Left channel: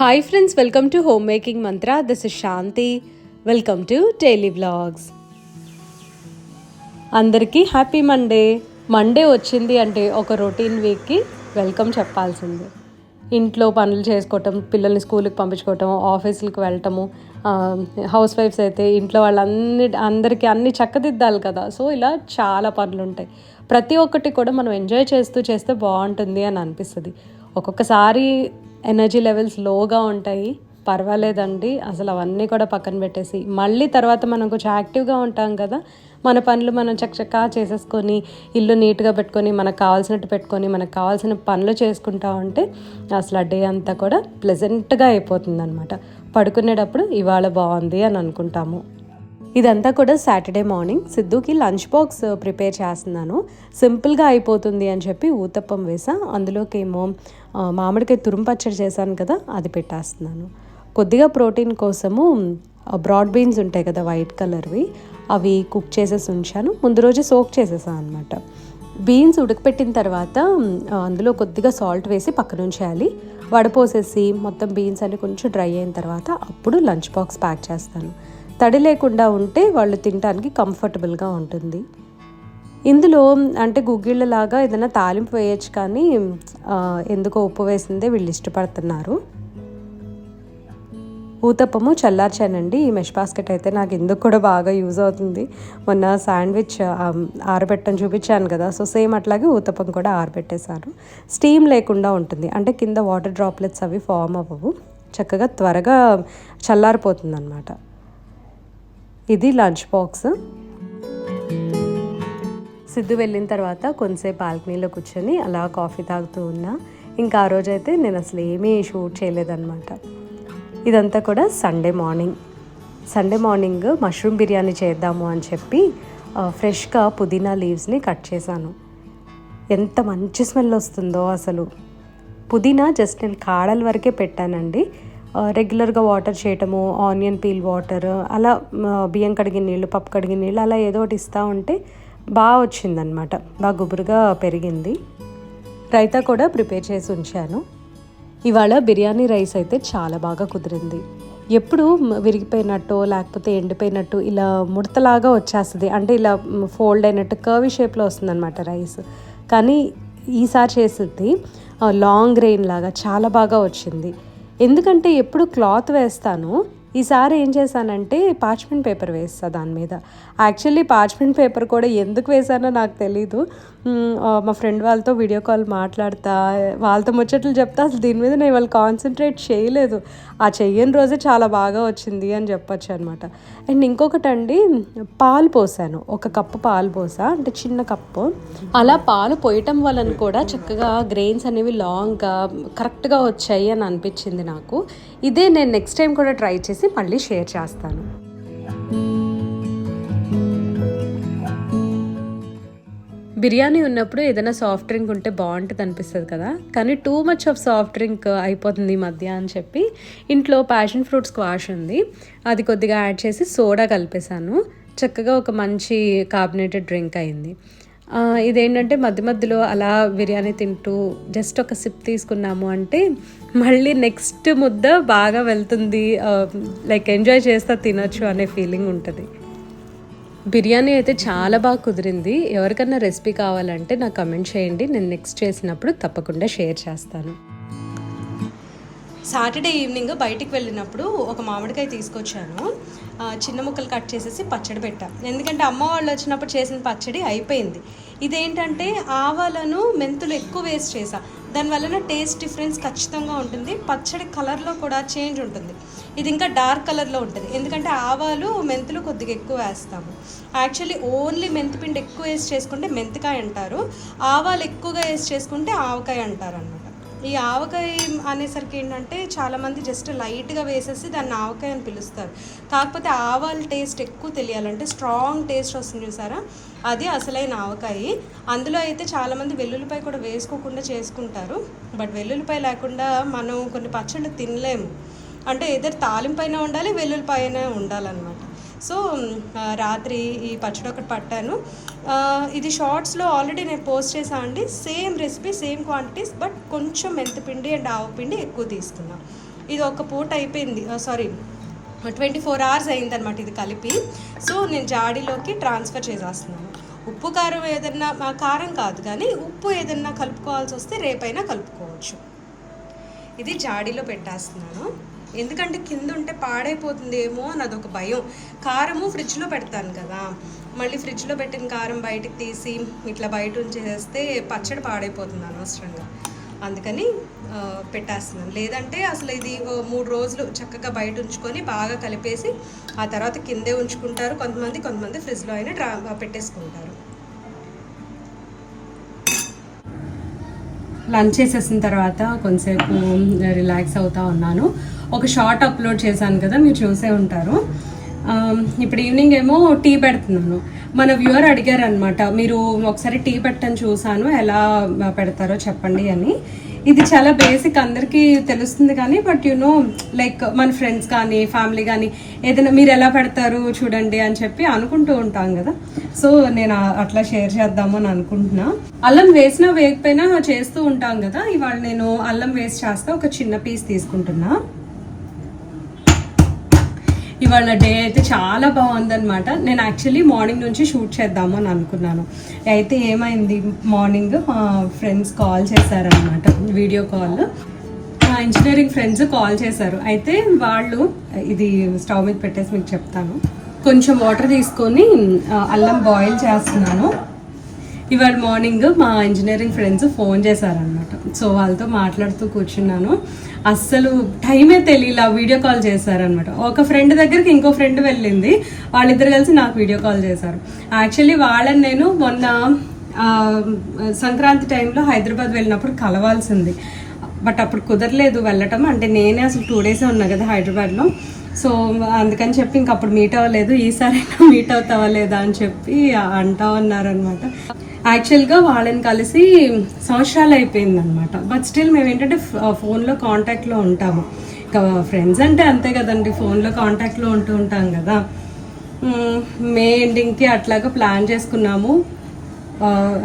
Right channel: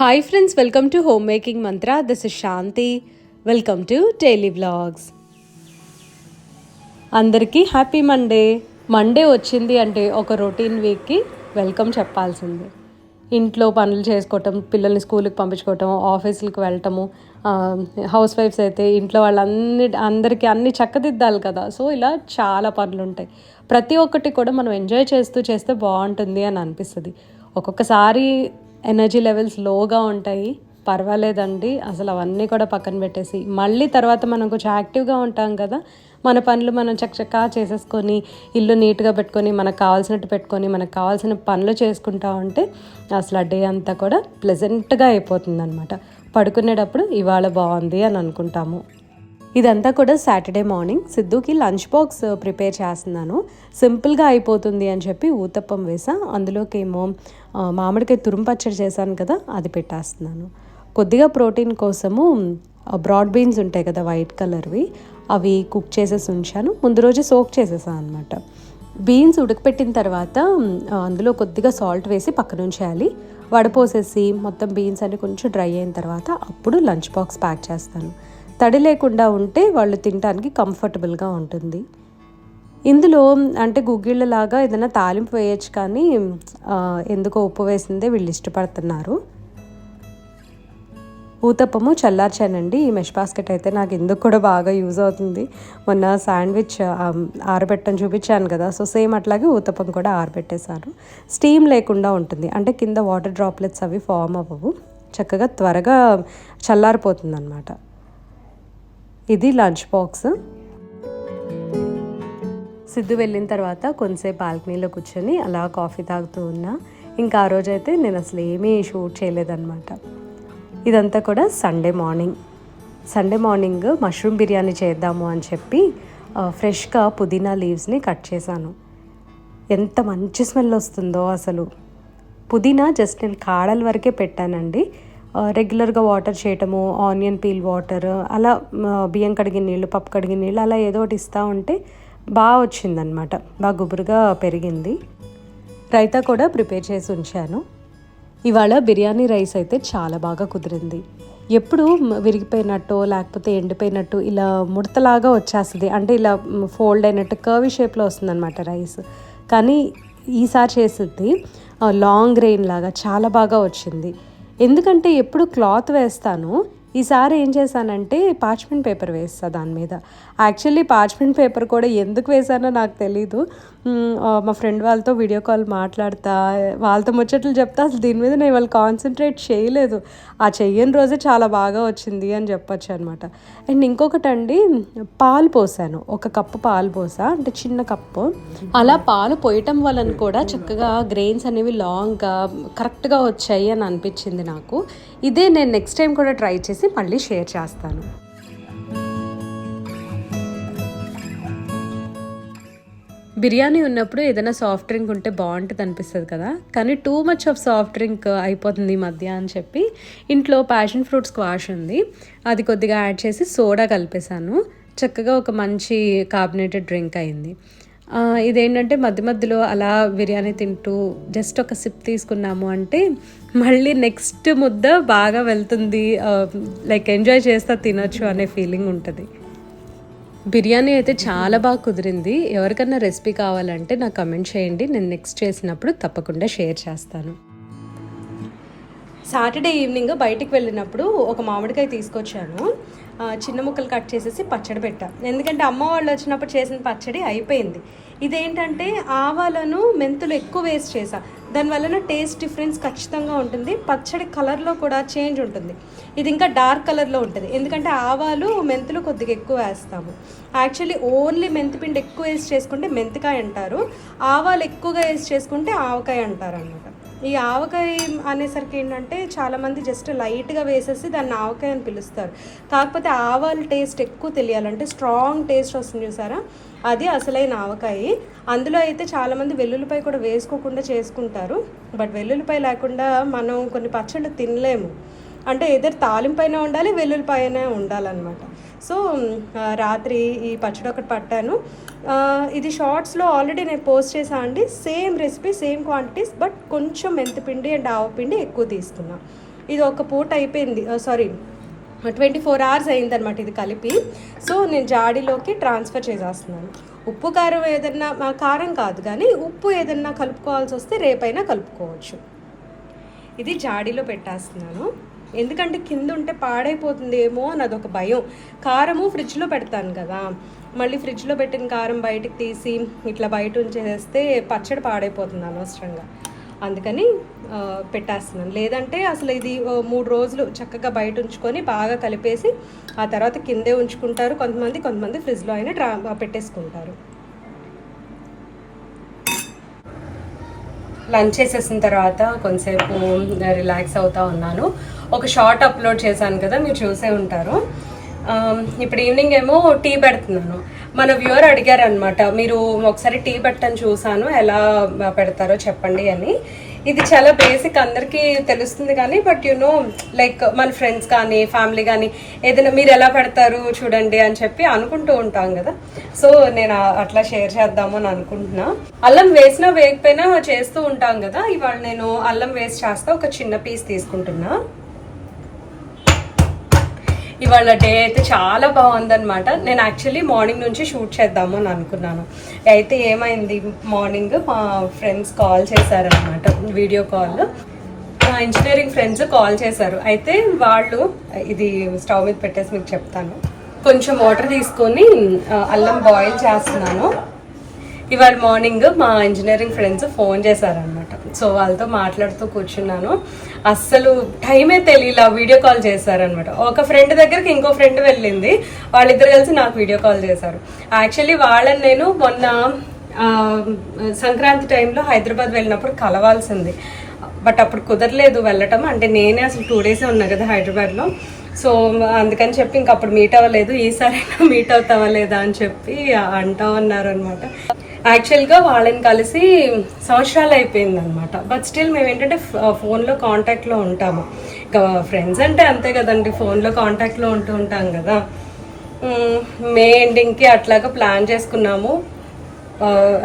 Hi friends, welcome to Homemaking Mantra. This is Shanti. Welcome to Daily Vlogs. అందరికీ happy Monday వచ్చింది అంటే ఒక routine వీక్కి welcome చెప్పాల్సిందే. ఇంట్లో పనులు చేసుకోవటం, పిల్లల్ని స్కూల్కి పంపించుకోవటం, ఆఫీసులకు వెళ్ళటము, హౌస్ వైఫ్స్ అయితే ఇంట్లో అందరికీ అన్ని చక్కదిద్దాలి కదా. సో ఇలా చాలా పనులు ఉంటాయి. ప్రతి ఒక్కటి కూడా మనం ఎంజాయ్ చేస్తే బాగుంటుంది అని అనిపిస్తుంది. ఒక్కొక్కసారి ఎనర్జీ లెవెల్స్ లోగా ఉంటాయి, పర్వాలేదండి, అసలు అవన్నీ కూడా పక్కన పెట్టేసి మళ్ళీ తర్వాత మనం కొంచెం యాక్టివ్గా ఉంటాం కదా. మన పనులు మనం చక్కగా చేసేసుకొని, ఇల్లు నీట్గా పెట్టుకొని, మనకు కావాల్సినట్టు పెట్టుకొని, మనకు కావాల్సిన పనులు చేసుకుంటా ఉంటే అసలు ఆ డే అంతా కూడా ప్లెజెంట్గా అయిపోతుంది అనమాట. పడుకునేటప్పుడు ఇవాళ బాగుంది అని అనుకుంటాము. ఇదంతా కూడా సాటర్డే మార్నింగ్ సిద్ధుకి లంచ్ బాక్స్ ప్రిపేర్ చేస్తున్నాను. సింపుల్గా అయిపోతుంది అని చెప్పి ఊతప్పం వేసా. అందులోకి ఏమో మామిడికాయ తురుము పచ్చడి చేశాను కదా, అది పెట్టేస్తున్నాను. కొద్దిగా ప్రోటీన్ కోసము బ్రాడ్ బీన్స్ ఉంటాయి కదా, వైట్ కలర్వి, అవి కుక్ చేసేసి ఉంచాను. ముందు రోజు సోక్ చేసేసాను అనమాట. బీన్స్ ఉడకపెట్టిన తర్వాత అందులో కొద్దిగా సాల్ట్ వేసి పక్కన ఉంచేయాలి. వడపోసేసి మొత్తం బీన్స్ అన్ని కొంచెం డ్రై అయిన తర్వాత అప్పుడు లంచ్ బాక్స్ ప్యాక్ చేస్తాను. తడి లేకుండా ఉంటే వాళ్ళు తినడానికి కంఫర్టబుల్గా ఉంటుంది. ఇందులో అంటే గుగ్గిళ్ళలాగా ఏదైనా తాలింపు వేయచ్చు, కానీ ఎందుకో ఉప్పు వేసిందే వీళ్ళు ఇష్టపడుతున్నారు. ఊతప్పము చల్లార్చానండి. ఈ మెష్ బాస్కెట్ అయితే నాకు ఎందుకు కూడా బాగా యూజ్ అవుతుంది. మొన్న శాండ్విచ్ ఆరబెట్టని చూపించాను కదా, సో సేమ్ అట్లాగే ఊతప్పం కూడా ఆరబెట్టేశాను. స్టీమ్ లేకుండా ఉంటుంది, అంటే కింద వాటర్ డ్రాప్లెట్స్ అవి ఫామ్ అవ్వవు, చక్కగా త్వరగా చల్లారిపోతుంది అన్నమాట. ఇది లంచ్ బాక్స్. సిద్ధు వెళ్ళిన తర్వాత కొంతసేపు బాల్కనీలో కూర్చొని అలా కాఫీ తాగుతూ ఉన్నా. ఇంకా ఆ రోజైతే నేను అసలు ఏమీ షూట్ చేయలేదన్నమాట. ఇదంతా కూడా సండే మార్నింగ్ మష్రూమ్ బిర్యానీ చేద్దాము అని చెప్పి ఫ్రెష్గా పుదీనా లీవ్స్ని కట్ చేశాను. ఎంత మంచి స్మెల్ వస్తుందో అసలు. పుదీనా జస్ట్ నేను కాడల వరకే పెట్టానండి. రెగ్యులర్గా వాటర్ చేయటము, ఆనియన్ పీల్ వాటర్, అలా బియ్యం కడిగిన నీళ్ళు, పప్పు కడిగిన నీళ్ళు, అలా ఏదో ఒకటి ఇస్తూ ఉంటే బాగా వచ్చిందనమాట, బాగా గుబురుగా పెరిగింది. రైతా కూడా ప్రిపేర్ చేసి ఉంచాను. ఇవాళ బిర్యానీ రైస్ అయితే చాలా బాగా కుదిరింది. ఎప్పుడు విరిగిపోయినట్టు లేకపోతే ఎండిపోయినట్టు ఇలా ముడతలాగా వచ్చేస్తుంది, అంటే ఇలా ఫోల్డ్ అయినట్టు కర్వీ షేప్లో వస్తుందన్నమాట రైస్. కానీ ఈసారి చేసింది లాంగ్ గ్రెయిన్ లాగా చాలా బాగా వచ్చింది. ఎందుకంటే ఎప్పుడు క్లాత్ వేస్తాను, ఈసారి ఏం చేశానంటే పార్చ్మెంట్ పేపర్ వేస్తా దాని మీద. యాక్చువల్లీ పార్చ్మెంట్ పేపర్ కూడా ఎందుకు వేసానో నాకు తెలీదు. మా ఫ్రెండ్ వాళ్ళతో వీడియో కాల్ మాట్లాడతా, వాళ్ళతో ముచ్చట్లు చెప్తా, అసలు దీని మీద నేను వాళ్ళు కాన్సన్ట్రేట్ చేయలేదు. ఆ చెయ్యని రోజే చాలా బాగా వచ్చింది అని చెప్పొచ్చు అనమాట. అండ్ ఇంకొకటి అండి, పాలు పోసాను, 1 కప్పు పాలు పోసా, అంటే చిన్న కప్పు. అలా పాలు పోయటం వలన కూడా చక్కగా గ్రెయిన్స్ అనేవి లాంగ్గా కరెక్ట్గా వచ్చాయి అని అనిపించింది నాకు. ఇదే నేను నెక్స్ట్ టైం కూడా ట్రై చేసి మళ్ళీ షేర్ చేస్తాను. బిర్యానీ ఉన్నప్పుడు ఏదైనా సాఫ్ట్ డ్రింక్ ఉంటే బాగుంటుంది అనిపిస్తుంది కదా, కానీ too much of soft drink అయిపోతుంది ఈ మధ్య అని చెప్పి ఇంట్లో ప్యాషన్ ఫ్రూట్ స్క్వాష్ ఉంది, అది కొద్దిగా యాడ్ చేసి సోడా కలిపేశాను. చక్కగా ఒక మంచి కార్బోనేటెడ్ డ్రింక్ అయింది. ఇదేంటంటే మధ్యలో అలా బిర్యానీ తింటూ జస్ట్ ఒక సిప్ తీసుకున్నాము అంటే మళ్ళీ నెక్స్ట్ ముద్ద బాగా వెళ్తుంది, లైక్ ఎంజాయ్ చేస్తా తినొచ్చు అనే ఫీలింగ్ ఉంటుంది. బిర్యానీ అయితే చాలా బాగా కుదిరింది. ఎవరికన్నా రెసిపీ కావాలంటే నాకు కమెంట్ చేయండి, నేను నెక్స్ట్ చేసినప్పుడు తప్పకుండా షేర్ చేస్తాను. సాటర్డే ఈవినింగ్ బయటికి వెళ్ళినప్పుడు ఒక మామిడికాయ తీసుకొచ్చాను. చిన్న ముక్కలు కట్ చేసేసి పచ్చడి పెట్టా, ఎందుకంటే అమ్మ వాళ్ళు వచ్చినప్పుడు చేసిన పచ్చడి అయిపోయింది. ఇదేంటంటే ఆవాలను మెంతులు ఎక్కువ వేస్ట్ చేసా, దానివల్ల టేస్ట్ డిఫరెన్స్ ఖచ్చితంగా ఉంటుంది. పచ్చడి కలర్లో కూడా చేంజ్ ఉంటుంది. ఇది ఇంకా డార్క్ కలర్లో ఉంటుంది, ఎందుకంటే ఆవాలు మెంతులు కొద్దిగా ఎక్కువ వేస్తాము. యాక్చువల్లీ ఓన్లీ మెంతిపిండి ఎక్కువ వేసి చేసుకుంటే మెంతికాయ అంటారు, ఆవాలు ఎక్కువగా వేసి చేసుకుంటే ఆవకాయ అంటారు అన్నమాట. ఈ ఆవకాయ అనేసరికి ఏంటంటే చాలామంది జస్ట్ లైట్గా వేసేసి దాన్ని ఆవకాయ అని పిలుస్తారు. కాకపోతే ఆవాల టేస్ట్ ఎక్కువ తెలియాలంటే స్ట్రాంగ్ టేస్ట్ వస్తుంది చూసారా, అది అసలైన ఆవకాయ. అందులో అయితే చాలామంది వెల్లుల్లిపాయ కూడా వేసుకోకుండా చేసుకుంటారు, బట్ వెల్లుల్లిపాయ లేకుండా మనం కొన్ని పచ్చళ్ళు తినలేము. అంటే ఏదైనా తాలింపైన ఉండాలి, వెల్లుల్లిపాయనే ఉండాలన్నమాట. సో రాత్రి ఈ పచ్చడి ఒకటి పట్టాను. ఇది షార్ట్స్లో ఆల్రెడీ నేను పోస్ట్ చేశాను అండి. Same recipe, same quantities, but కొంచెం మెంతిపిండి అండ్ ఆవపిండి ఎక్కువ తీసుకున్నాను. ఇది ఒక పూట అయిపోయింది, సారీ 24 hours అయిందనమాట ఇది కలిపి. సో నేను జాడీలోకి ట్రాన్స్ఫర్ చేసేస్తున్నాను. ఉప్పు కారం ఏదన్నా, కారం కాదు కానీ ఉప్పు ఏదన్నా కలుపుకోవాల్సి వస్తే రేపైనా కలుపుకోవచ్చు. ఇది జాడీలో పెట్టేస్తున్నాను, ఎందుకంటే కింద ఉంటే పాడైపోతుందేమో అని అదొక భయం. కారము ఫ్రిడ్జ్లో పెడతాను కదా, మళ్ళీ ఫ్రిడ్జ్లో పెట్టిన కారం బయటికి తీసి ఇట్లా బయట ఉంచేస్తే పచ్చడి పాడైపోతుంది అనవసరంగా, అందుకని పెట్టేస్తున్నాను. లేదంటే అసలు ఇది 3 రోజులు చక్కగా బయట ఉంచుకొని బాగా కలిపేసి ఆ తర్వాత కిందే ఉంచుకుంటారు కొంతమంది ఫ్రిడ్జ్లో అయినా పెట్టేసుకుంటారు. లంచ్ చేసేసిన తర్వాత కొంతసేపు రిలాక్స్ అవుతా ఉన్నాను. ఒక షార్ట్ అప్లోడ్ చేశాను కదా, మీరు చూసే ఉంటారు. ఇప్పుడు ఈవినింగ్ ఏమో టీ పెడుతున్నాను. మన వ్యూవర్ అడిగారు అనమాట, మీరు ఒకసారి టీ పెట్టని చూసాను, ఎలా పెడతారో చెప్పండి అని. ఇది చాలా బేసిక్, అందరికీ తెలుస్తుంది కానీ బట్ లైక్ మన ఫ్రెండ్స్ కానీ ఫ్యామిలీ కానీ ఏదైనా మీరు ఎలా పెడతారు చూడండి అని చెప్పి అనుకుంటూ ఉంటాం కదా. సో నేను అట్లా షేర్ చేద్దాము అని అనుకుంటున్నా. అల్లం వేసినా వేయకపోయినా చేస్తూ ఉంటాం కదా, ఇవాళ నేను అల్లం వేసి చేస్తా. ఒక చిన్న పీస్ తీసుకుంటున్నా. ఇవాళ డే అయితే చాలా బాగుందనమాట. నేను యాక్చువల్లీ మార్నింగ్ నుంచి షూట్ చేద్దాము అని అనుకున్నాను. అయితే ఏమైంది, మార్నింగ్ మా ఫ్రెండ్స్ కాల్ చేశారనమాట, వీడియో కాల్. మా ఇంజనీరింగ్ ఫ్రెండ్స్ కాల్ చేశారు. అయితే వాళ్ళు, ఇది స్టవ్ మీద పెట్టేసి మీకు చెప్తాను. కొంచెం వాటర్ తీసుకొని అల్లం బాయిల్ చేస్తున్నాను. ఇవాళ మార్నింగ్ మా ఇంజనీరింగ్ ఫ్రెండ్స్ ఫోన్ చేశారనమాట. సో వాళ్ళతో మాట్లాడుతూ కూర్చున్నాను. అస్సలు టైమే తెలియలా, వీడియో కాల్ చేశారనమాట. ఒక ఫ్రెండ్ దగ్గరికి ఇంకో ఫ్రెండ్ వెళ్ళింది, వాళ్ళిద్దరు కలిసి నాకు వీడియో కాల్ చేశారు. యాక్చువల్లీ వాళ్ళని నేను మొన్న సంక్రాంతి టైంలో హైదరాబాద్ వెళ్ళినప్పుడు కలవాల్సింది, బట్ అప్పుడు కుదరలేదు వెళ్ళటం. అంటే నేనే అసలు 2 days ఉన్నా కదా హైదరాబాద్లో. సో అందుకని చెప్పి ఇంక అప్పుడు మీట్ అవ్వలేదు. ఈసారి మీట్ అవుతావా లేదా అని చెప్పి అంటా ఉన్నారనమాట. యాక్చువల్గా వాళ్ళని కలిసి సంవత్సరాలు అయిపోయింది అనమాట. బట్ స్టిల్ మేము ఏంటంటే ఫోన్లో కాంటాక్ట్లో ఉంటాము. ఇంకా ఫ్రెండ్స్ అంటే అంతే కదండి, ఫోన్లో కాంటాక్ట్లో ఉంటూ ఉంటాం కదా. మే ఎండింగ్కి అట్లాగా ప్లాన్ చేసుకున్నాము.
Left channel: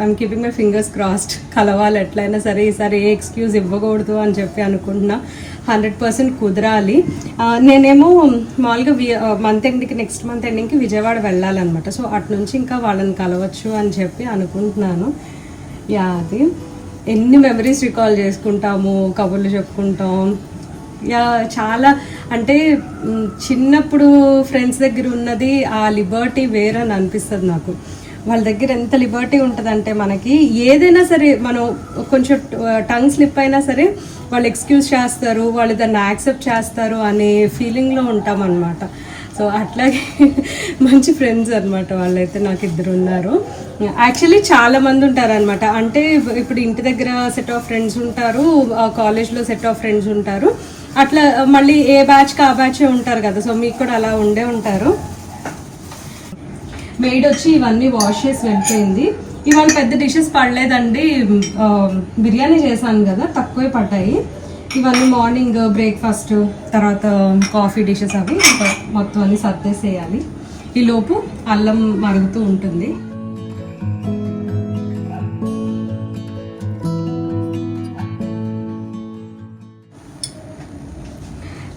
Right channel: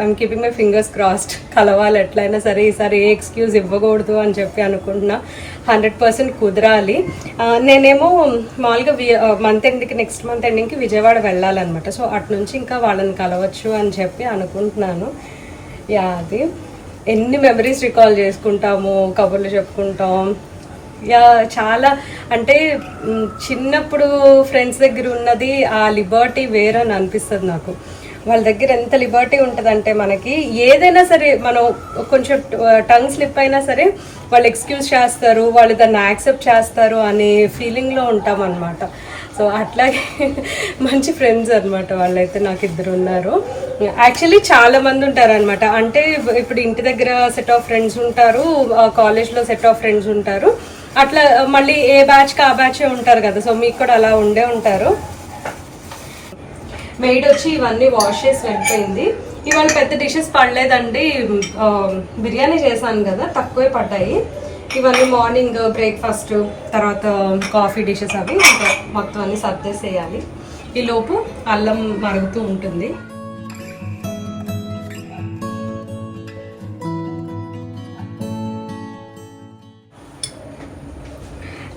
I'm keeping my fingers crossed, కలవాలి ఎట్లయినా సరే. ఈసారి ఏ ఎక్స్క్యూజ్ ఇవ్వకూడదు అని చెప్పి అనుకుంటున్నా. 100% కుదరాలి. నేనేమో మామూలుగా నెక్స్ట్ మంత్ ఎండింగ్కి విజయవాడ వెళ్ళాలన్నమాట. సో అటు నుంచి ఇంకా వాళ్ళని కలవచ్చు అని చెప్పి అనుకుంటున్నాను. అది ఎన్ని మెమరీస్ రికాల్ చేసుకుంటాము, కబుర్లు చెప్పుకుంటాం. చాలా అంటే చిన్నప్పుడు ఫ్రెండ్స్ దగ్గర ఉన్నది ఆ లిబర్టీ వేరని అనిపిస్తుంది నాకు. వాళ్ళ దగ్గర ఎంత లిబర్టీ ఉంటుందంటే మనకి ఏదైనా సరే, మనం కొంచెం టంగ్ స్లిప్ అయినా సరే వాళ్ళు ఎక్స్క్యూజ్ చేస్తారు, వాళ్ళు దాన్ని యాక్సెప్ట్ చేస్తారు అనే ఫీలింగ్లో ఉంటాం అనమాట. సో అట్లాగే మంచి ఫ్రెండ్స్ అనమాట వాళ్ళైతే. నాకు 2 ఉన్నారు. యాక్చువల్లీ చాలా మంది ఉంటారు అనమాట. అంటే ఇప్పుడు ఇంటి దగ్గర సెట్ ఆఫ్ ఫ్రెండ్స్ ఉంటారు, కాలేజ్లో సెట్ ఆఫ్ ఫ్రెండ్స్ ఉంటారు, అట్లా మళ్ళీ ఏ బ్యాచ్కి ఆ బ్యాచే ఉంటారు కదా. సో మీకు కూడా అలా ఉండే ఉంటారు. మెయిడ్ వచ్చి ఇవన్నీ వాష్ చేసి వెళ్ళిపోయింది. ఇవాళ పెద్ద డిషెస్ పడలేదండి, బిర్యానీ చేశాను కదా, తక్కువే పడ్డాయి. ఇవన్నీ మార్నింగ్ బ్రేక్ఫాస్ట్, తర్వాత కాఫీ డిషెస్ అవి మొత్తం అన్ని సర్దేసేయాలి. ఈ లోపు అల్లం మరుగుతూ ఉంటుంది.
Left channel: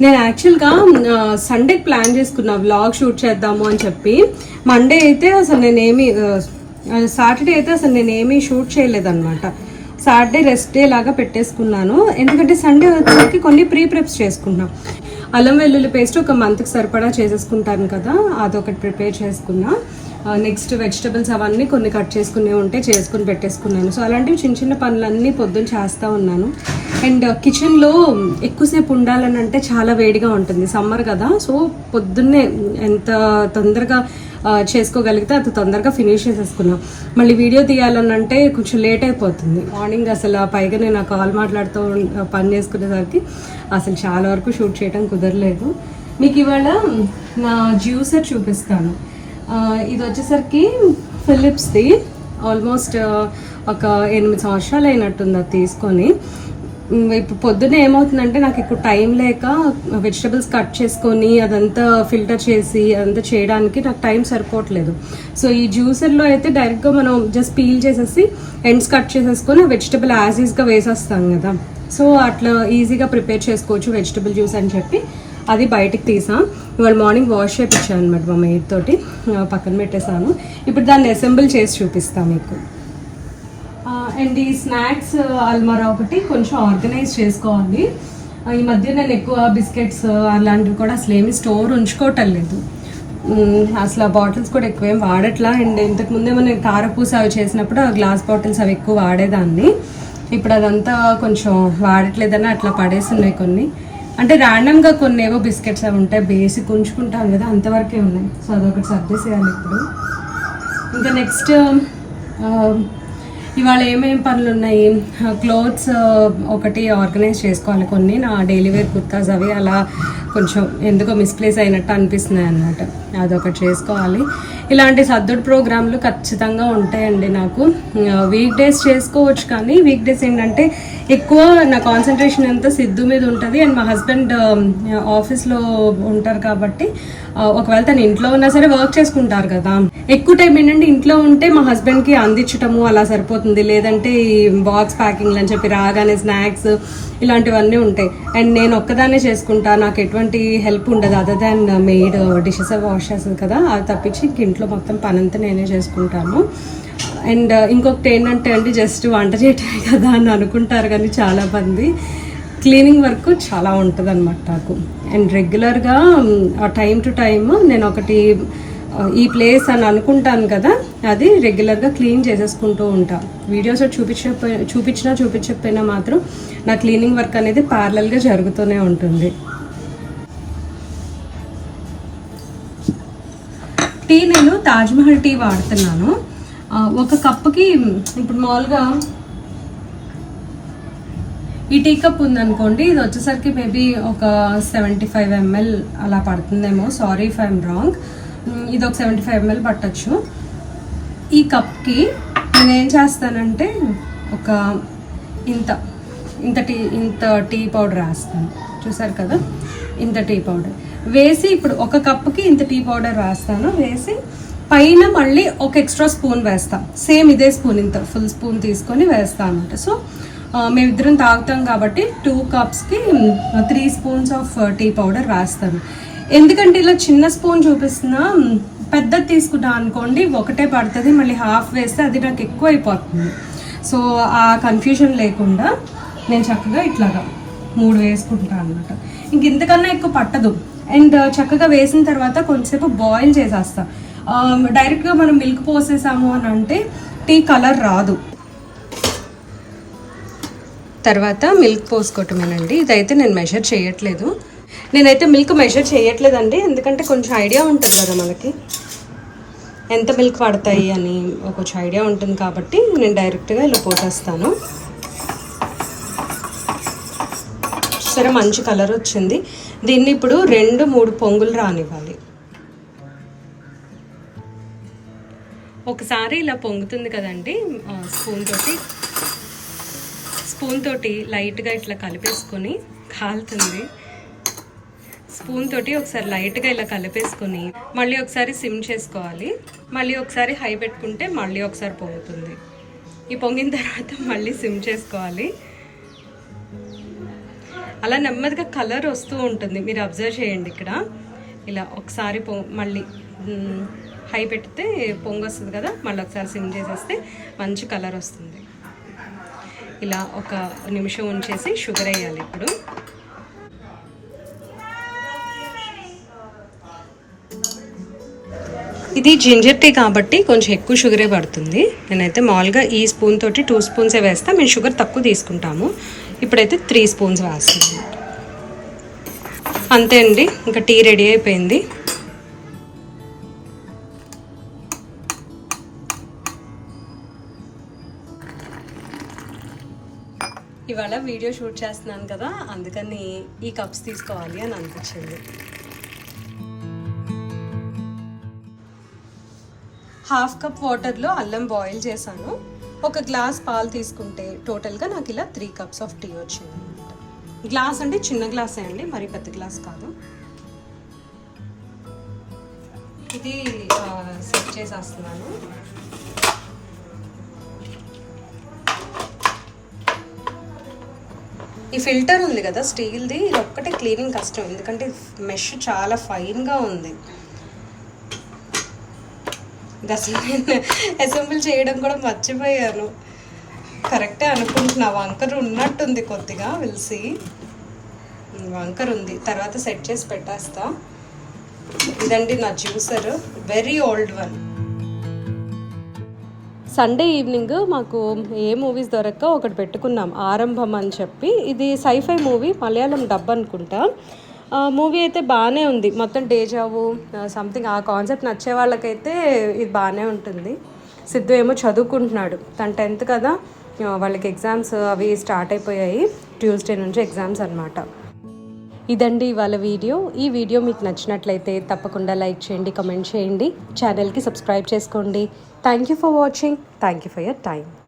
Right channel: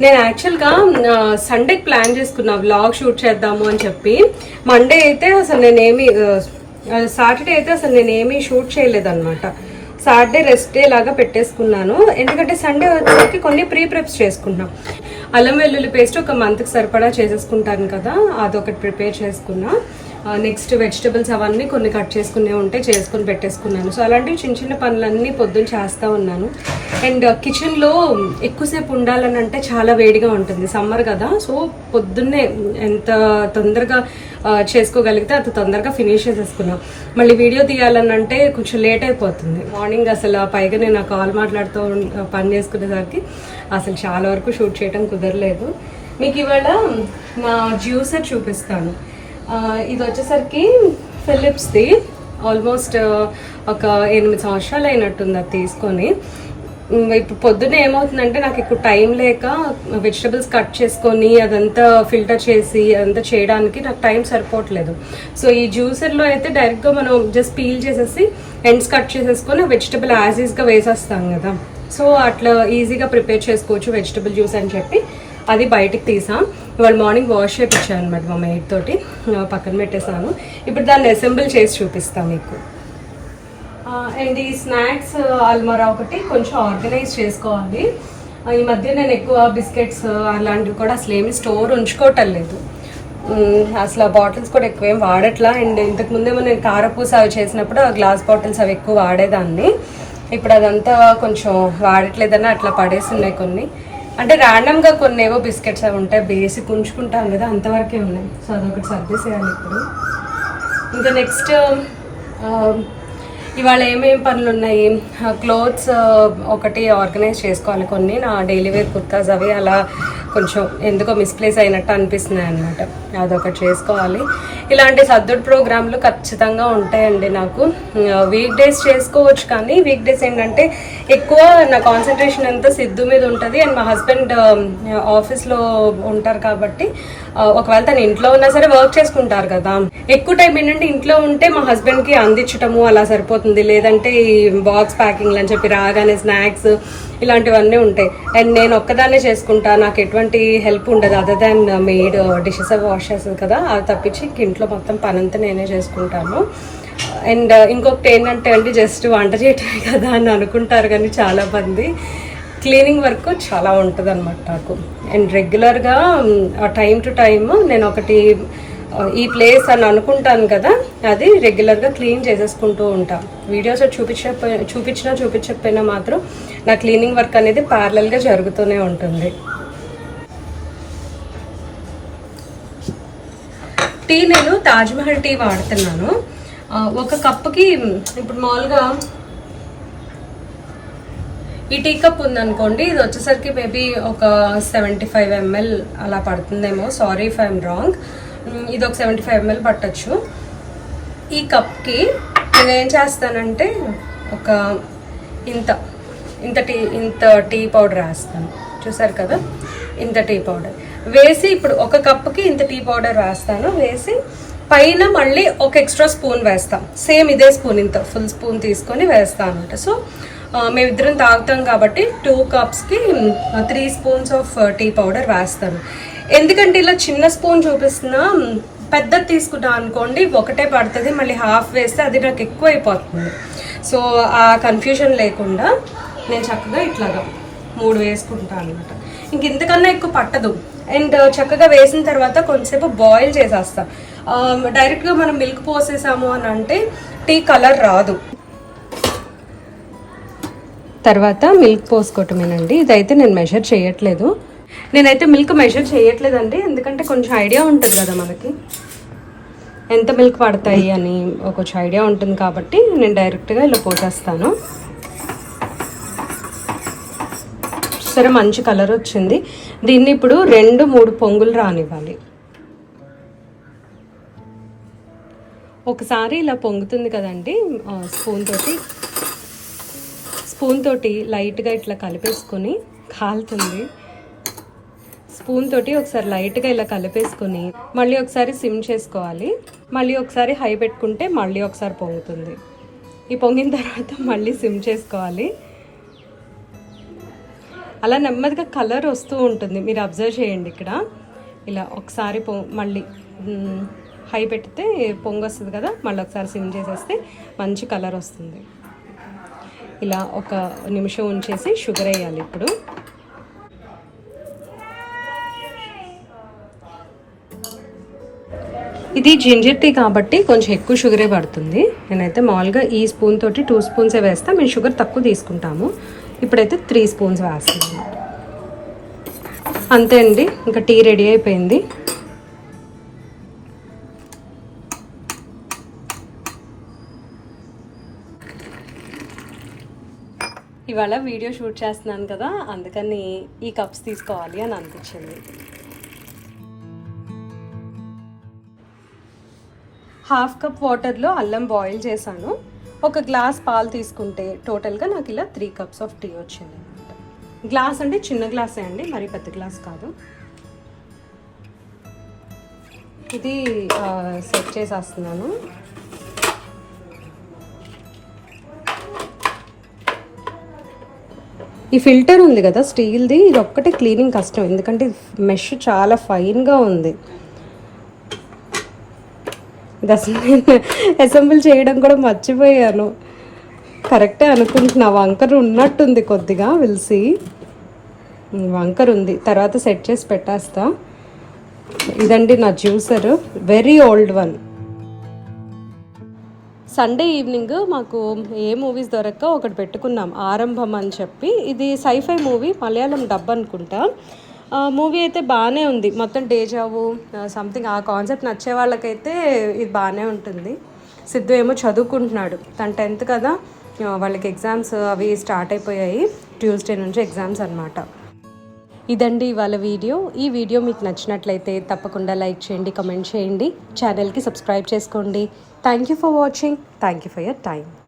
నేను యాక్చువల్గా సండేకి ప్లాన్ చేసుకున్నా వ్లాగ్ షూట్ చేద్దాము అని చెప్పి. మండే అయితే అసలు సాటర్డే అయితే అసలు నేనేమీ షూట్ చేయలేదన్నమాట. సాటర్డే రెస్ట్ డే లాగా పెట్టేసుకున్నాను, ఎందుకంటే సండే వచ్చేసరికి కొన్ని ప్రెప్స్ చేసుకున్నాం. అల్లం వెల్లుల్లి పేస్ట్ ఒక మంత్కి సరిపడా చేసేసుకుంటాను కదా, అదొకటి ప్రిపేర్ చేసుకున్నా. నెక్స్ట్ వెజిటబుల్స్ అవన్నీ కొన్ని కట్ చేసుకునే ఉంటే చేసుకొని పెట్టేసుకున్నాను. సో అలాంటివి చిన్న చిన్న పనులన్నీ పొద్దున్న చేస్తూ ఉన్నాను. అండ్ కిచెన్లో ఎక్కువసేపు ఉండాలని అంటే చాలా వేడిగా ఉంటుంది, సమ్మర్ కదా. సో పొద్దున్నే ఎంత తొందరగా చేసుకోగలిగితే అంత తొందరగా ఫినిష్ చేసేసుకున్నాను. మళ్ళీ వీడియో తీయాలని అంటే కొంచెం లేట్ అయిపోతుంది. మార్నింగ్ అసలు పైగా నేను ఆ కాల్ మాట్లాడుతూ పని చేసుకునేసరికి అసలు చాలా వరకు షూట్ చేయడం కుదరలేదు. మీకు ఇవాళ నా జ్యూసర్ చూపిస్తాను. ఇది వచ్చేసరికి ఫిలిప్స్ది, ఆల్మోస్ట్ ఒక 8 సంవత్సరాలు అయినట్టుంది అది తీసుకొని. ఇప్పుడు పొద్దున్నే ఏమవుతుందంటే నాకు ఇప్పుడు టైం లేక వెజిటబుల్స్ కట్ చేసుకొని అదంతా ఫిల్టర్ చేసి అదంతా చేయడానికి నాకు టైం సరిపోవట్లేదు. సో ఈ జ్యూసర్లో అయితే డైరెక్ట్గా మనం జస్ట్ పీల్ చేసేసి ఎండ్స్ కట్ చేసేసుకొని వెజిటబుల్ యాజ్ ఈజ్గా వేసేస్తాం కదా. సో అట్లా ఈజీగా ప్రిపేర్ చేసుకోవచ్చు వెజిటబుల్ జ్యూస్ అని చెప్పి అది బయటకు తీసాం. ఇవాళ మార్నింగ్ వాష్ చేయించాను అనమాట మా మెయిడ్ తోటి, పక్కన పెట్టేశాను. ఇప్పుడు దాన్ని అసెంబుల్ చేసి చూపిస్తాను మీకు. అండ్ ఈ స్నాక్స్ అల్మారా ఒకటి కొంచెం ఆర్గనైజ్ చేసుకోవాలి. ఈ మధ్య నేను ఎక్కువ బిస్కెట్స్ అలాంటివి కూడా అసలు ఏమి స్టోర్ ఉంచుకోవటం లేదు. అసలు ఆ బాటిల్స్ కూడా ఎక్కువ ఏం వాడట్లా. అండ్ ఇంతకుముందేమో నేను కారపూస అవి చేసినప్పుడు ఆ గ్లాస్ బాటిల్స్ అవి ఎక్కువ వాడేదాన్ని. ఇప్పుడు అదంతా కొంచెం వాడట్లేదని అట్లా పడేస్తున్నాయి కొన్ని. అంటే ర్యాండమ్గా కొన్ని ఏవో బిస్కెట్స్ అవి ఉంటాయి, బేసిక్ ఉంచుకుంటాం కదా, అంతవరకే ఉన్నాయి. సో అదొకటి సర్దేసేయాలి ఇప్పుడు. ఇంకా నెక్స్ట్ ఇవాళ ఏమేమి పనులు ఉన్నాయి, క్లోత్స్ ఒకటి ఆర్గనైజ్ చేసుకోవాలి. కొన్ని నా డైలీ వేర్ కుర్తాస్ అవి అలా కొంచెం ఎందుకో మిస్ప్లేస్ అయినట్టు అనిపిస్తున్నాయి అనమాట, అదొకటి చేసుకోవాలి. ఇలాంటి సర్దుడు ప్రోగ్రాంలు ఖచ్చితంగా ఉంటాయండి నాకు. వీక్ డేస్ చేసుకోవచ్చు, కానీ వీక్ డేస్ ఏంటంటే ఎక్కువ నా కాన్సన్ట్రేషన్ అంతా సిద్ధు మీద ఉంటుంది. అండ్ మా హస్బెండ్ ఆఫీస్లో ఉంటారు కాబట్టి ఒకవేళ తను ఇంట్లో ఉన్నా సరే వర్క్ చేసుకుంటారు కదా, ఎక్కువ టైం ఏంటంటే ఇంట్లో ఉంటే మా హస్బెండ్కి అందించటము అలా సరిపోతుంది. లేదంటే ఈ బాక్స్ ప్యాకింగ్ అని చెప్పి రాగానే స్నాక్స్ ఇలాంటివన్నీ ఉంటాయి. అండ్ నేను ఒక్కదాన్నే చేసుకుంటా, నాకు ఎటువంటి హెల్ప్ ఉండదు అదర్ దాన్ మెయిడ్ డిషెస్ అవి వాష్ చేస్తుంది కదా, అది తప్పించి ఇంట్లో మొత్తం పని అంతా నేనే చేసుకుంటాను. అండ్ ఇంకొకటి ఏంటంటే అండి, జస్ట్ వంట చేయటమే కదా అని అనుకుంటారు, కానీ చాలా మంది క్లీనింగ్ వర్క్ చాలా ఉంటుంది అనమాట నాకు. అండ్ రెగ్యులర్గా టైం టు టైమ్ నేను ఒకటి ఈ ప్లేస్ అని అనుకుంటాను కదా, అది రెగ్యులర్గా క్లీన్ చేసేసుకుంటూ ఉంటాను. వీడియోస్ చూపించకపోయినా మాత్రం నా క్లీనింగ్ వర్క్ అనేది ప్యారలల్గా జరుగుతూనే ఉంటుంది. టీ నేను తాజ్మహల్ టీ వాడుతున్నాను. ఒక కప్పుకి ఇప్పుడు మామూలుగా ఈ టీ కప్ ఉందనుకోండి, ఇది వచ్చేసరికి మేబీ ఒక 75 ml అలా పడుతుందేమో, సారీ ఇఫ్ ఐఎమ్ రాంగ్. ఇది ఒక 75 ml పట్టచ్చు. ఈ కప్కి నేను ఏం చేస్తానంటే ఒక ఇంత టీ పౌడర్ వేస్తాను, చూసారు కదా, ఇంత టీ పౌడర్ వేసి, ఇప్పుడు ఒక కప్పుకి ఇంత టీ పౌడర్ వేస్తాను. వేసి పైన మళ్ళీ ఒక ఎక్స్ట్రా స్పూన్ వేస్తాం, సేమ్ ఇదే స్పూన్, ఇంత ఫుల్ స్పూన్ తీసుకొని వేస్తాను అనమాట. సో మేమిద్దరం తాగుతాం కాబట్టి 2 కప్స్కి 3 స్పూన్స్ ఆఫ్ టీ పౌడర్ వేస్తాను. ఎందుకంటే ఇలా చిన్న స్పూన్ చూపిస్తున్నా, పెద్దది తీసుకుంటా అనుకోండి ఒకటే పడుతుంది, మళ్ళీ హాఫ్ వేస్తే అది నాకు ఎక్కువ అయిపోతుంది. సో ఆ కన్ఫ్యూజన్ లేకుండా నేను చక్కగా ఇట్లాగా 3 వేసుకుంటాను అనమాట. ఇంక ఇంతకన్నా ఎక్కువ పట్టదు. అండ్ చక్కగా వేసిన తర్వాత కొంచెంసేపు బాయిల్ చేసేస్తా. డైరెక్ట్గా మనం మిల్క్ పోసేసాము అని అంటే టీ కలర్ రాదు. తర్వాత మిల్క్ పోసుకోవటమేనండి. ఇదైతే నేను మెజర్ చేయట్లేదు, నేనైతే మిల్క్ మెజర్ చేయట్లేదండి, ఎందుకంటే కొంచెం ఐడియా ఉంటుంది కదా మనకి ఎంత మిల్క్ పడతాయి అని కొంచెం ఐడియా ఉంటుంది కాబట్టి నేను డైరెక్ట్గా ఇలా పోసేస్తాను. సరే, మంచి కలర్ వచ్చింది. దీన్ని ఇప్పుడు 2-3 పొంగులు రానివ్వాలి. ఒకసారి ఇలా పొంగుతుంది కదండి, స్పూన్ తోటి లైట్గా ఇట్లా కలిపేసుకొని, కాలుతుంది, స్పూన్ తోటి ఒకసారి లైట్గా ఇలా కలిపేసుకొని మళ్ళీ ఒకసారి సిమ్ చేసుకోవాలి. మళ్ళీ ఒకసారి హై పెట్టుకుంటే మళ్ళీ ఒకసారి పొంగుతుంది. ఈ పొంగిన తర్వాత మళ్ళీ సిమ్ చేసుకోవాలి. అలా నెమ్మదిగా కలర్ వస్తూ ఉంటుంది, మీరు అబ్జర్వ్ చేయండి. ఇక్కడ ఇలా ఒకసారి మళ్ళీ హై పెడితే పొంగు వస్తుంది కదా, మళ్ళీ ఒకసారి సిమ్ చేసేస్తే మంచి కలర్ వస్తుంది. ఇలా 1 నిమిషం ఉంచేసి షుగర్ వేయాలి. ఇప్పుడు ఇది జింజర్ టీ కాబట్టి కొంచెం ఎక్కువ షుగరే పడుతుంది. నేనైతే మామూలుగా ఈ స్పూన్ తోటి 2 స్పూన్సే వేస్తాను, మేము షుగర్ తక్కువ తీసుకుంటాము. ఇప్పుడైతే 3 స్పూన్స్ వేస్తాను. అంతే అండి, ఇంకా టీ రెడీ అయిపోయింది. ఇవాళ వీడియో షూట్ చేస్తున్నాను కదా, అందుకని ఈ కప్స్ తీసుకోవాలి అని అనిపించింది. హాఫ్ కప్ వాటర్లో అల్లం బాయిల్ చేశాను. 1 గ్లాస్ పాలు తీసుకుంటే టోటల్గా నాకు ఇలా 3 కప్స్ ఆఫ్ టీ వచ్చింది అనమాట. గ్లాస్ అంటే చిన్న గ్లాసే అండి, మరి పెద్ద గ్లాస్ కాదు. ఇది సెట్ చేసేస్తున్నాను. ఈ ఫిల్టర్ ఉంది కదా స్టీల్ది, ఇది ఒక్కటే క్లీనింగ్ కష్టం, ఎందుకంటే మెష్ చాలా ఫైన్గా ఉంది. ఇది అసలు నేను అసెంబుల్ చేయడం కూడా మర్చిపోయాను. కరెక్టే అనుకుంటున్నా, వంకర ఉన్నట్టుంది కొద్దిగా, విల్సి వంకర ఉంది, తర్వాత సెట్ చేసి పెట్టేస్తా. ఇదండి నా juicer, very old one. Sunday evening మాకు ఏ మూవీస్ దొరక్క ఒకటి పెట్టుకున్నాం, ఆరంభం అని చెప్పి. ఇది సైఫై మూవీ, మలయాళం డబ్ అనుకుంటా. మూవీ అయితే బాగానే ఉంది, మొత్తం డేజావు సంథింగ్ ఆ కాన్సెప్ట్ నచ్చే వాళ్ళకైతే ఇది బాగానే ఉంటుంది. సిద్ధు ఏమో చదువుకుంటున్నాడు, తను 10th కదా, వాళ్ళకి ఎగ్జామ్స్ అవి స్టార్ట్ అయిపోయాయి, ట్యూస్డే నుంచి ఎగ్జామ్స్ అనమాట. ఇదండి ఇవాళ వీడియో. ఈ వీడియో మీకు నచ్చినట్లయితే తప్పకుండా లైక్ చేయండి, కమెంట్ చేయండి, ఛానల్కి సబ్స్క్రైబ్ చేసుకోండి. Thank you for watching, thank you for your time.